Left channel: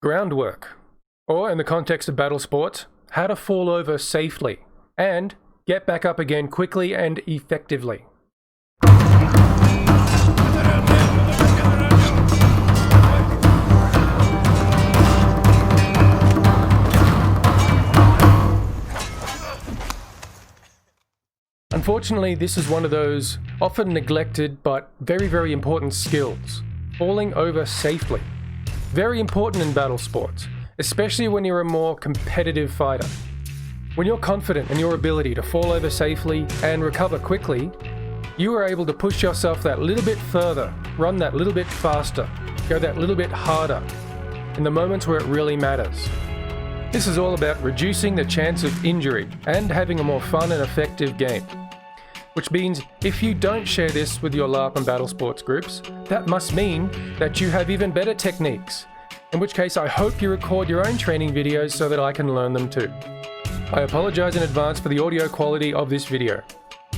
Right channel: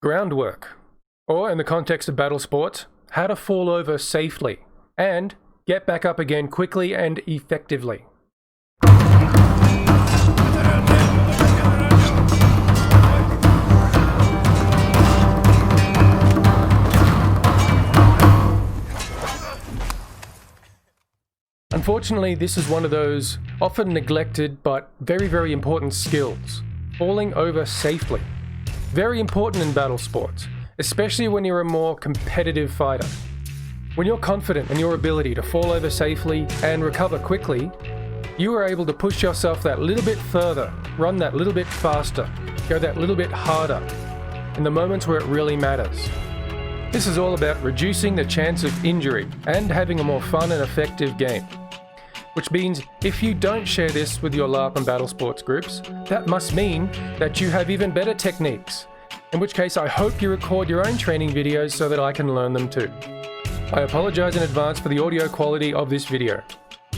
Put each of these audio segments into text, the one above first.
Groundwork, or in the context of battle sports, how to fall over safely and get back up again quickly and effectively. Unfortunately, this is one of those often neglected but very important skills, falling over safely. Very important in battle sports, especially when you're a more competitive fighter. When you're confident in your ability to fall over safely and recover quickly, you are able to push yourself that little bit further, run that little bit faster, go that little bit harder in the moments where it really matters. This is all about reducing the chance of injury and having a more fun and effective game. Which means if you don't share this with your LARP and battle sports groups, that must mean that you have even better techniques. In which case I hope you record your own training videos so that I can learn them too. I apologize in advance for the audio quality of this video.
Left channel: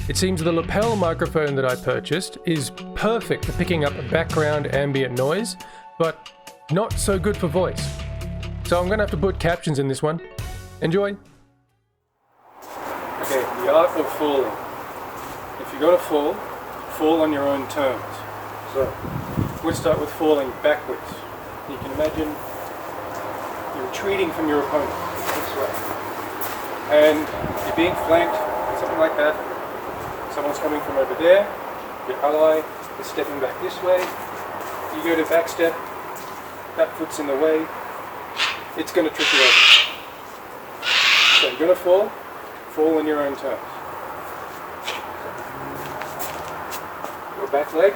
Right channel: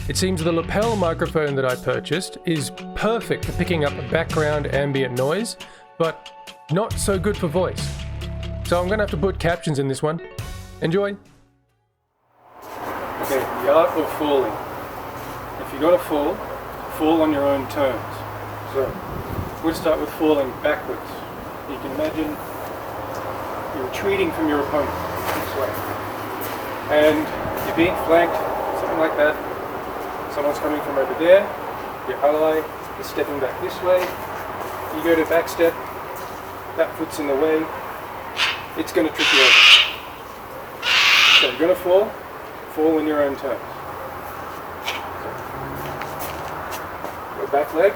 It seems the lapel microphone that I purchased is perfect for picking up background ambient noise, but not so good for voice. So I'm gonna have to put captions in this one. Enjoy! Okay, the art of falling. If you're going to fall on your own terms. So, we'll start with falling backwards. You can imagine you're retreating from your opponent this way. And you're being flanked, something like that. Someone's coming from over there. Your ally is stepping back this way. You go to back step, that foot's in the way. It's going to trip you over. So you're going to fall on your own terms. Your back leg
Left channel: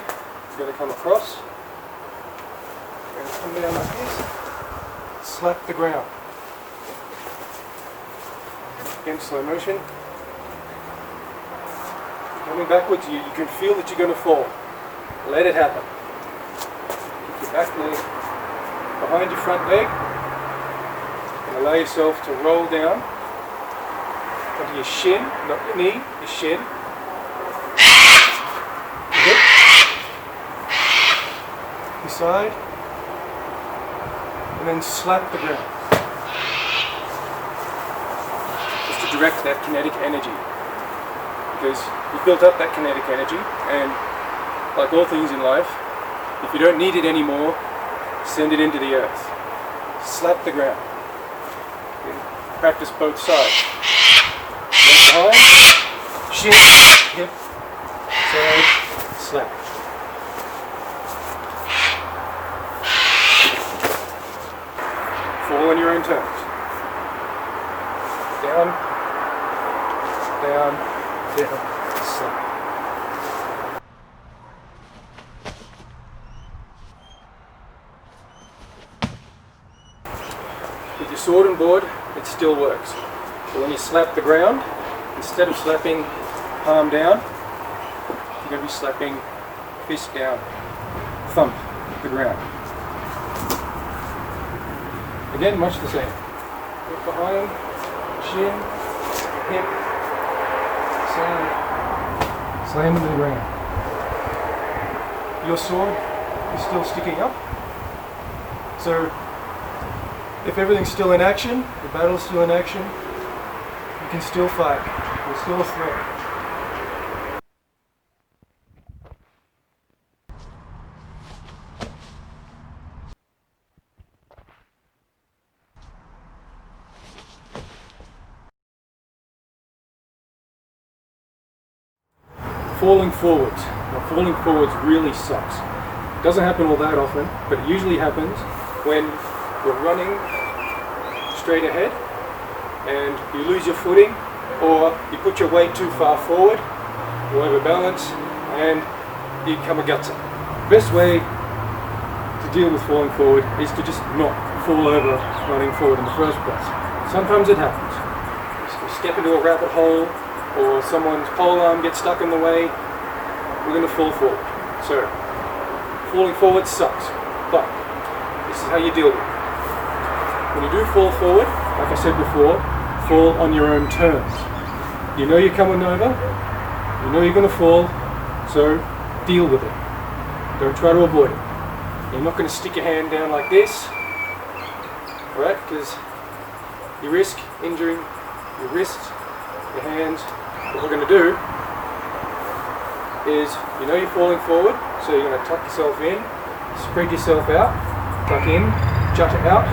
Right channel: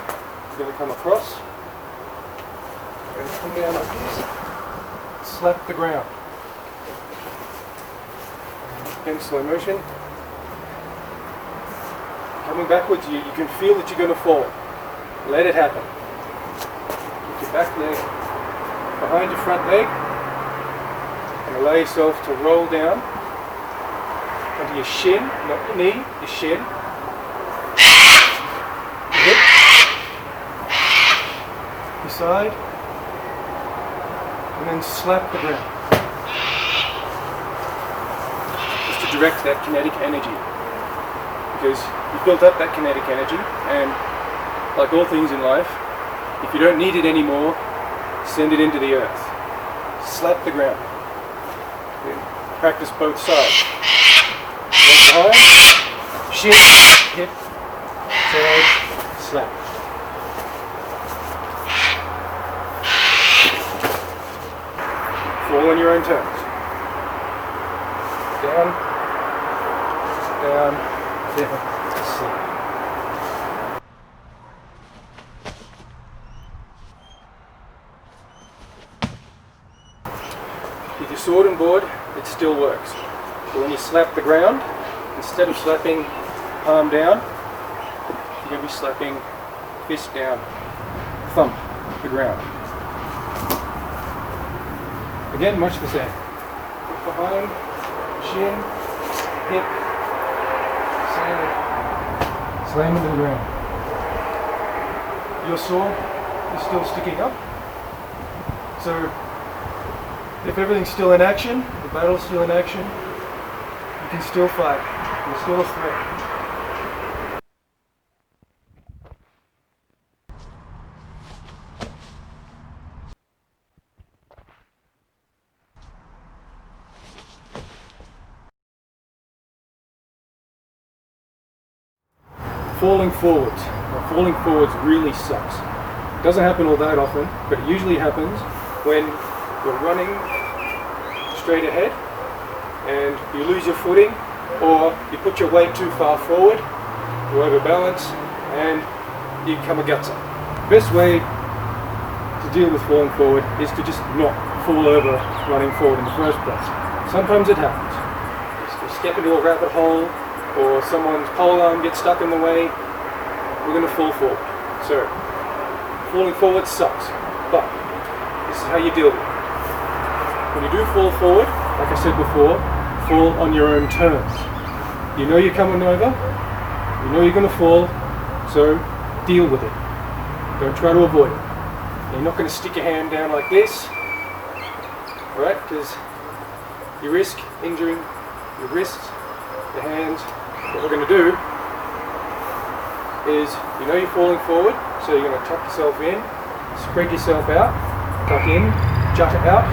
is going to come across. You're going to come down like this. Slap the ground. In slow motion. Coming backwards, you can feel that you're going to fall. Let it happen. Keep your back leg behind your front leg and allow yourself to roll down onto your shin, not your knee, your shin. The side, and then slap the ground. Just to direct that kinetic energy, because you've built up that kinetic energy, and like all things in life, if you don't need it anymore, send it into the earth. Slap the ground. You practice both sides. Left behind, shin, hip, side, slap. Fall on your own terms. Down, down, down, slap. With your sword and board, it still works. But when you slap the ground, instead of slapping palm down, you're going to be slapping fist down, thump the ground. Again, much the same. Foot behind, shin, hip, slam into the ground. Your sword is still sticking up. So, if everything's still in action, the battle's still in action, you can still fight. You're still a threat. Falling forwards. Now, falling forwards really sucks. It doesn't happen all that often, but it usually happens when you're running straight ahead and you lose your footing, or you put your weight too far forward, you overbalance, and you kamikatze. The best way to deal with falling forward is to just not fall over running forward in the first place. Sometimes it happens. You step into a rabbit hole, or someone's pole arm gets stuck in the way, we're going to fall forward. So, falling forward sucks, but this is how you deal with it. When you do fall forward, like I said before, fall on your own terms. You know you're coming over, you know you're going to fall, so deal with it. Don't try to avoid it. You're not going to stick your hand down like this because you risk injuring your wrists, your hands. What we're going to do is, you know you're falling forward, so you're going to tuck yourself in, spread yourself out, tuck in, jut it out,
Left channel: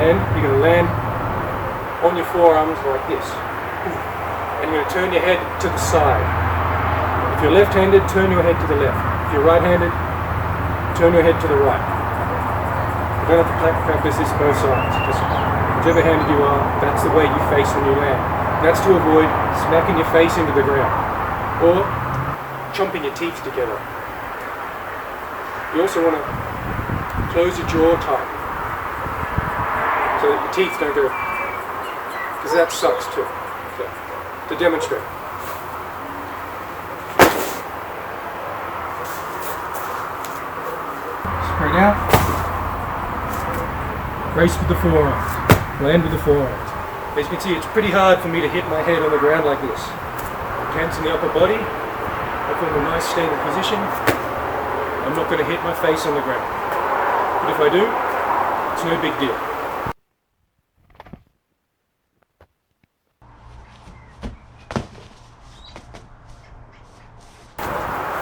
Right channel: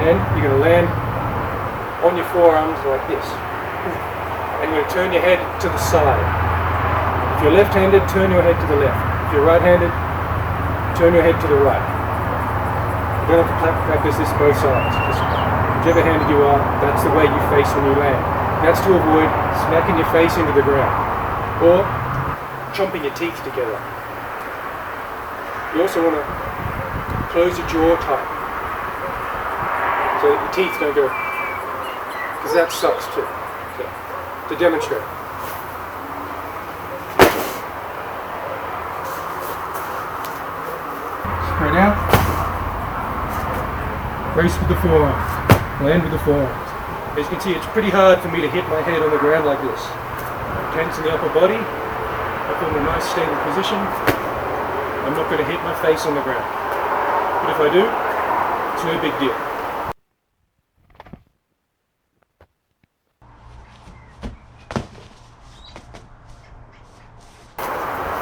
and you're going to land on your forearms like this. And you're going to turn your head to the side. If you're left-handed, turn your head to the left. If you're right-handed, turn your head to the right. You don't have to practice this both sides. Just whichever handed you are, that's the way you face when you land. And that's to avoid smacking your face into the ground or chomping your teeth together. You also want to close your jaw tight so that your teeth don't go, because that sucks too. So, to demonstrate. Spread out. Brace with the forearms. Land with the forearms. As you can see, it's pretty hard for me to hit my head on the ground like this. Tense in the upper body. I form a nice stable position. I'm not going to hit my face on the ground. But if I do, it's no big deal.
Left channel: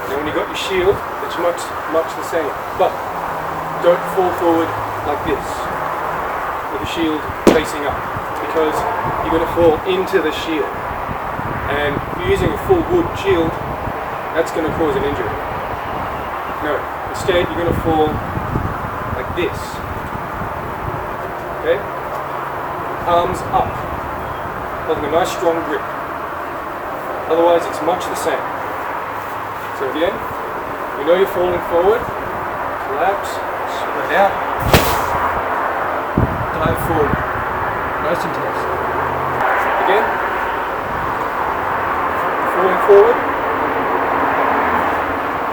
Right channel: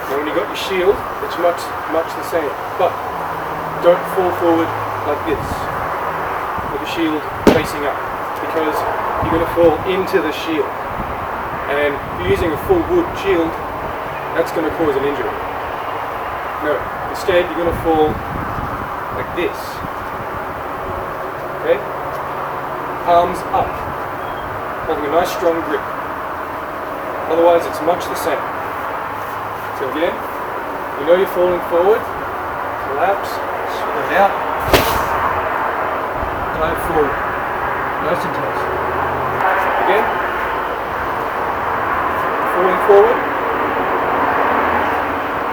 Now when you've got your shield, it's much the same. But don't fall forward like this, with the shield facing up, because you're going to fall into the shield. And if you're using a full wood shield, that's going to cause an injury. No, instead you're going to fall like this. Okay? Palms up, holding a nice strong grip. Otherwise it's much the same. So again, you know you're falling forward, collapse, spread out, dive forward, nice and tense. Again, falling forward,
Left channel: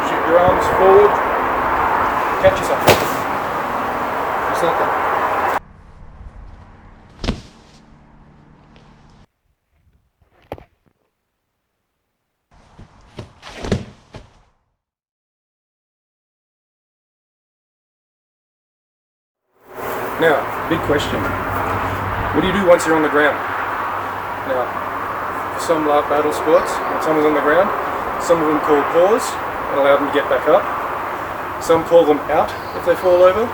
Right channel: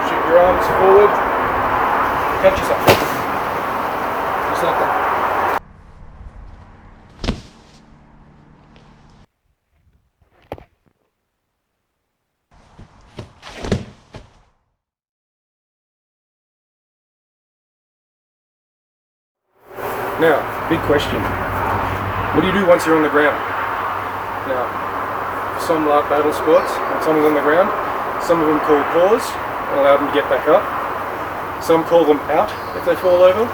shoot your arms forward, catch yourself. Just like that. Now, big question. What do you do once you're on the ground? Now, for some battle sports, when someone's on the ground, some of them call pause and allow them to get back up. Some call them out if they fall over.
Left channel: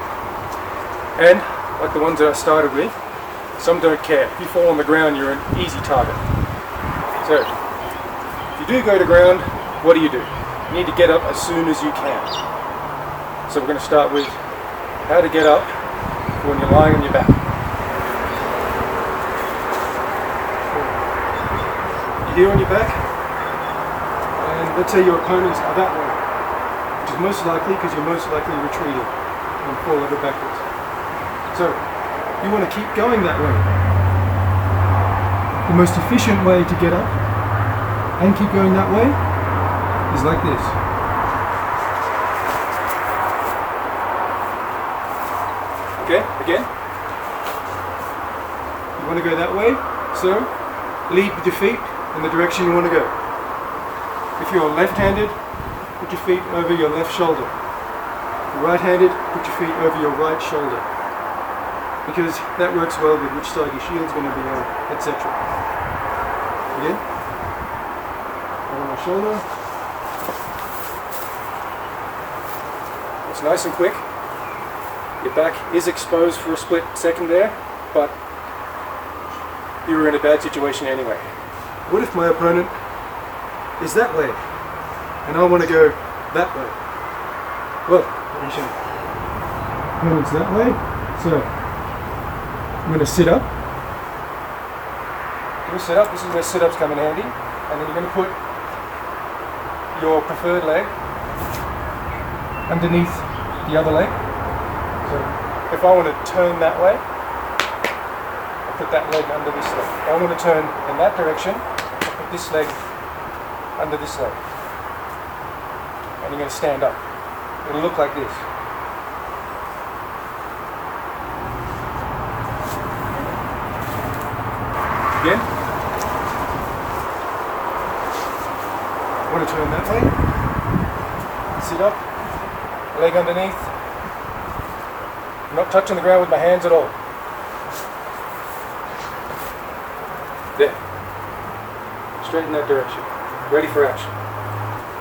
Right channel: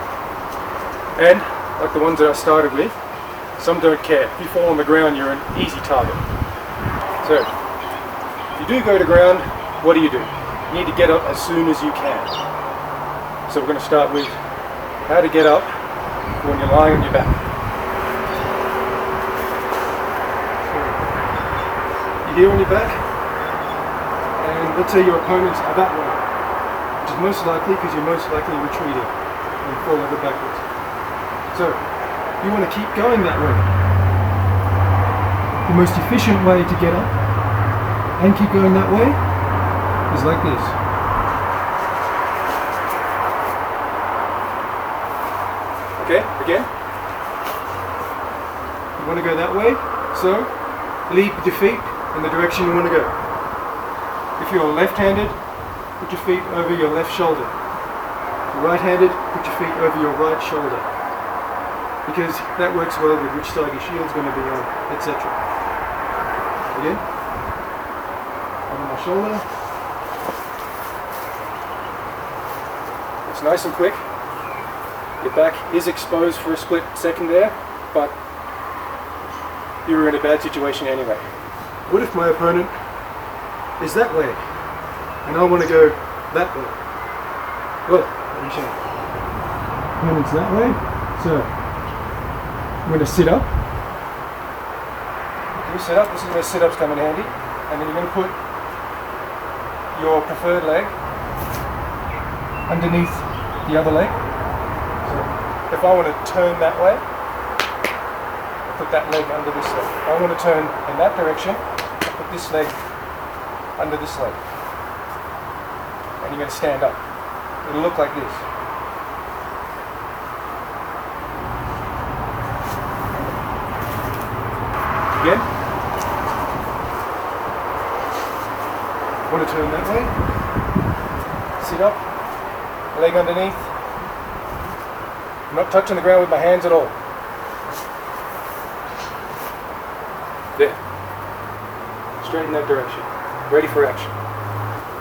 And, like the ones that I started with, some don't care. If you fall on the ground, you're an easy target. So, if you do go to ground, what do? You need to get up as soon as you can. So we're going to start with how to get up when you're lying on your back. You're here on your back, and let's say your opponents are that way, which is most likely because you're most likely retreating and fall over backwards. So, you want to keep going that way. The most efficient way to get up and keep going that way is like this. Okay, again. You want to go that way, so lead with your feet in the direction you want to go. If you're left-handed, put your feet over your left shoulder. If you're right-handed, put your feet over your right shoulder. Because that works well with which side your shield's going to be on, etc. Again. Over my shoulder. It's nice and quick. Your back is exposed for a split second there, but you were in a bad situation anyway. What if my opponent is that way, and I want to go that way? Well, let me show you. Opponent's that way, so I'm going to sit up. Can you sit up? This is where sit-ups come in handy. And then you're going to put your preferred leg underneath the other leg. So if I want to turn that way, I'll put that leg under this leg. If I want to turn in that direction, I'll put this leg under this leg. And you're going to stand up. It'll look like this. Again. Want to turn that way. Sit up. Leg underneath. I'm not touching the ground with my hands at all. There. Straight in that direction. Ready for action.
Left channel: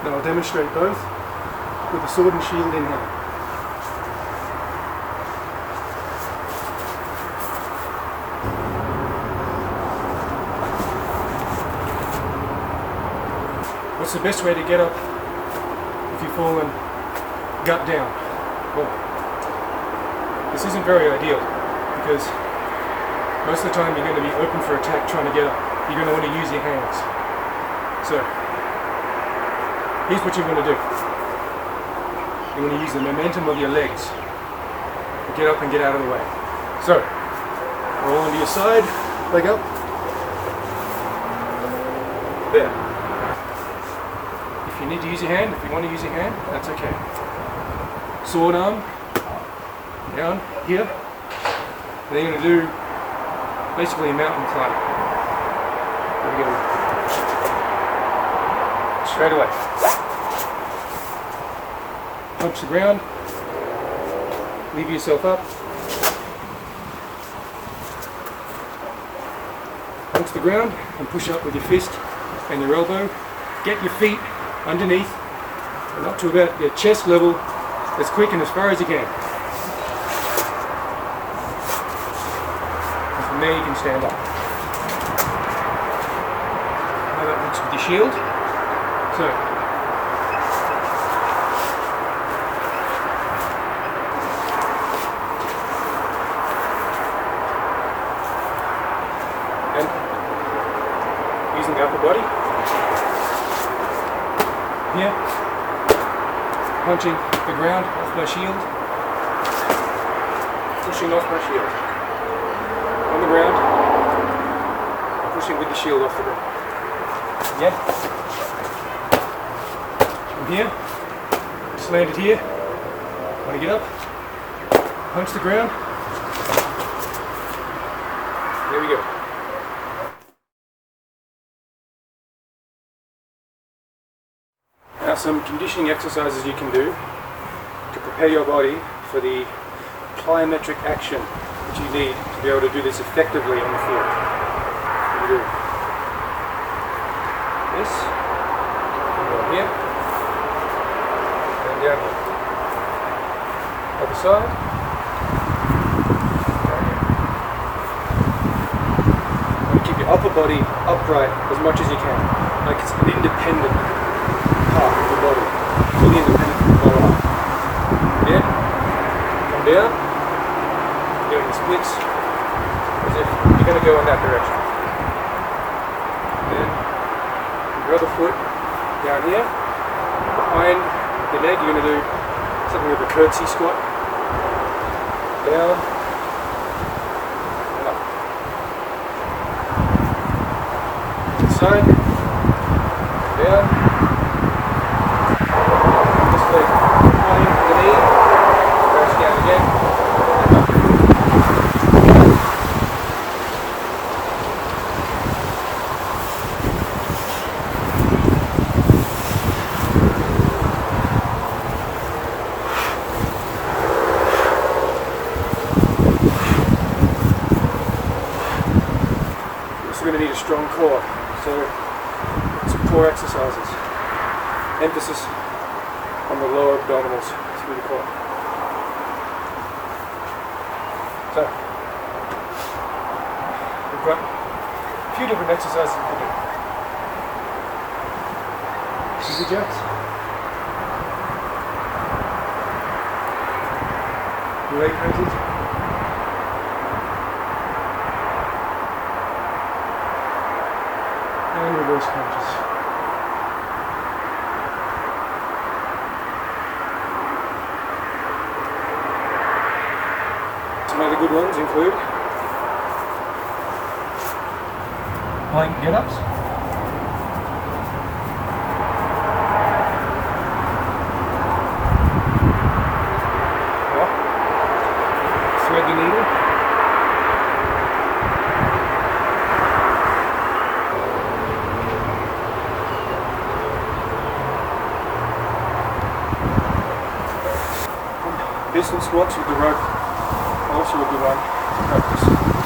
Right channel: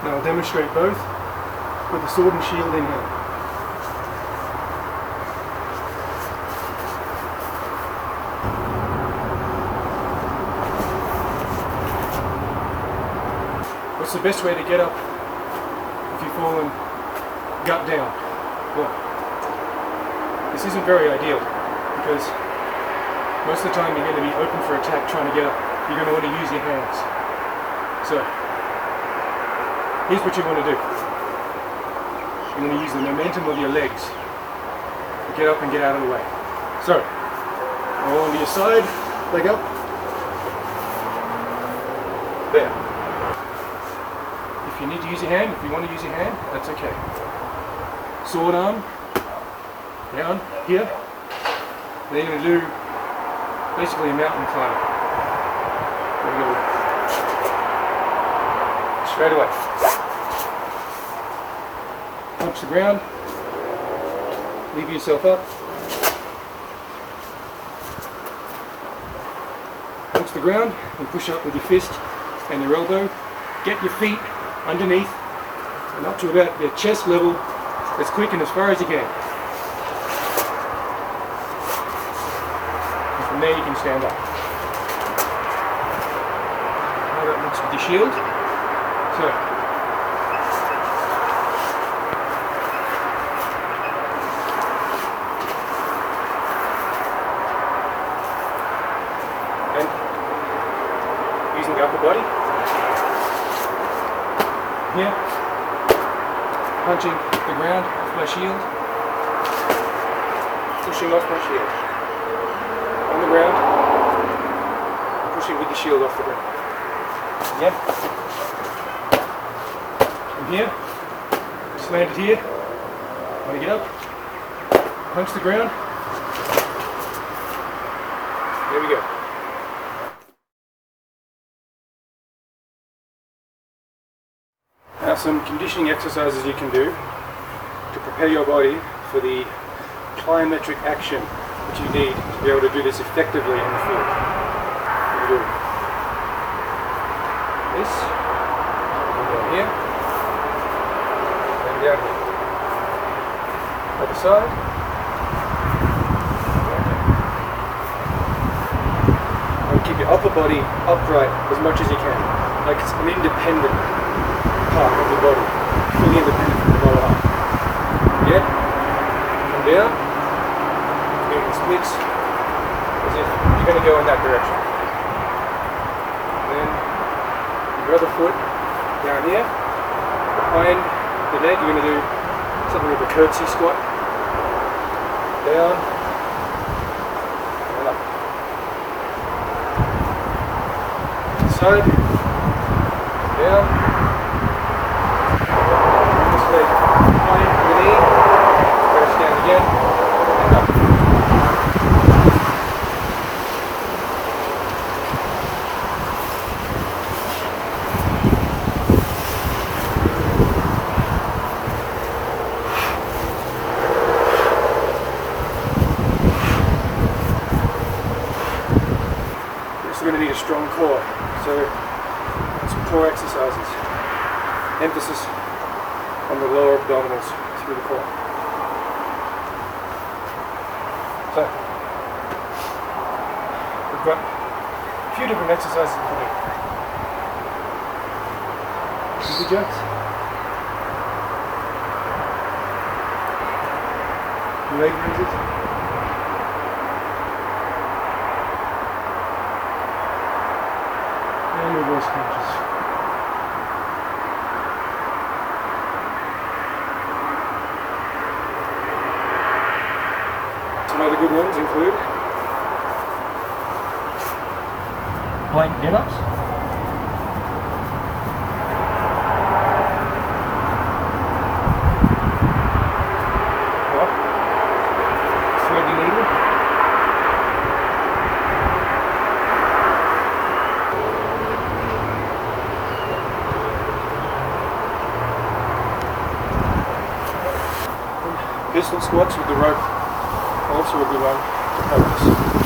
Now I'll demonstrate both with the sword and shield in hand. What's the best way to get up if you've fallen gut down? Well, this isn't very ideal because most of the time you're going to be open for attack trying to get up. You're going to want to use your hands. So, here's what you want to do. You want to use the momentum of your legs to get up and get out of the way. So, roll onto your side, leg up. There. If you need to use your hand, if you want to use your hand, that's okay. Sword arm, down, here. And then you're going to do basically a mountain climb. Let me get away. Straight away. Punch the ground. Lever yourself up. Punch the ground and push up with your fist and your elbow. Get your feet underneath and up to about your chest level as quick and as far as you can. And from there you can stand up. How that looks with your shield. So, and using the upper body. Here, punching the ground off my shield, pushing off my shield, on the ground, pushing with the shield off the ground. Again, from here, slanted here, want to get up, punch the ground, there we go. Now some conditioning exercises you can do to prepare your body for the plyometric action that you need to be able to do this effectively on the field. You do this, and down here, and down here. Other side, down here. You want to keep your upper body upright as much as you can, like it's an independent part of the body, being independent from the lower half. Again, come down, doing the splits, as if you're going to go in that direction. Then your other foot down here, behind your leg, you're going to do something of a curtsy squat. Down and up. Side, down. Leg to the knee, press down again, and up. You're also going to need a strong core, so some core exercises. Emphasis on the lower abdominals through the core. So, we've got a few different exercises we can do. Easy jacks. Leg raises. And reverse crunches. Some other good ones include plank get-ups, thread your needle, pistol squats with the rope answer will be one to practice.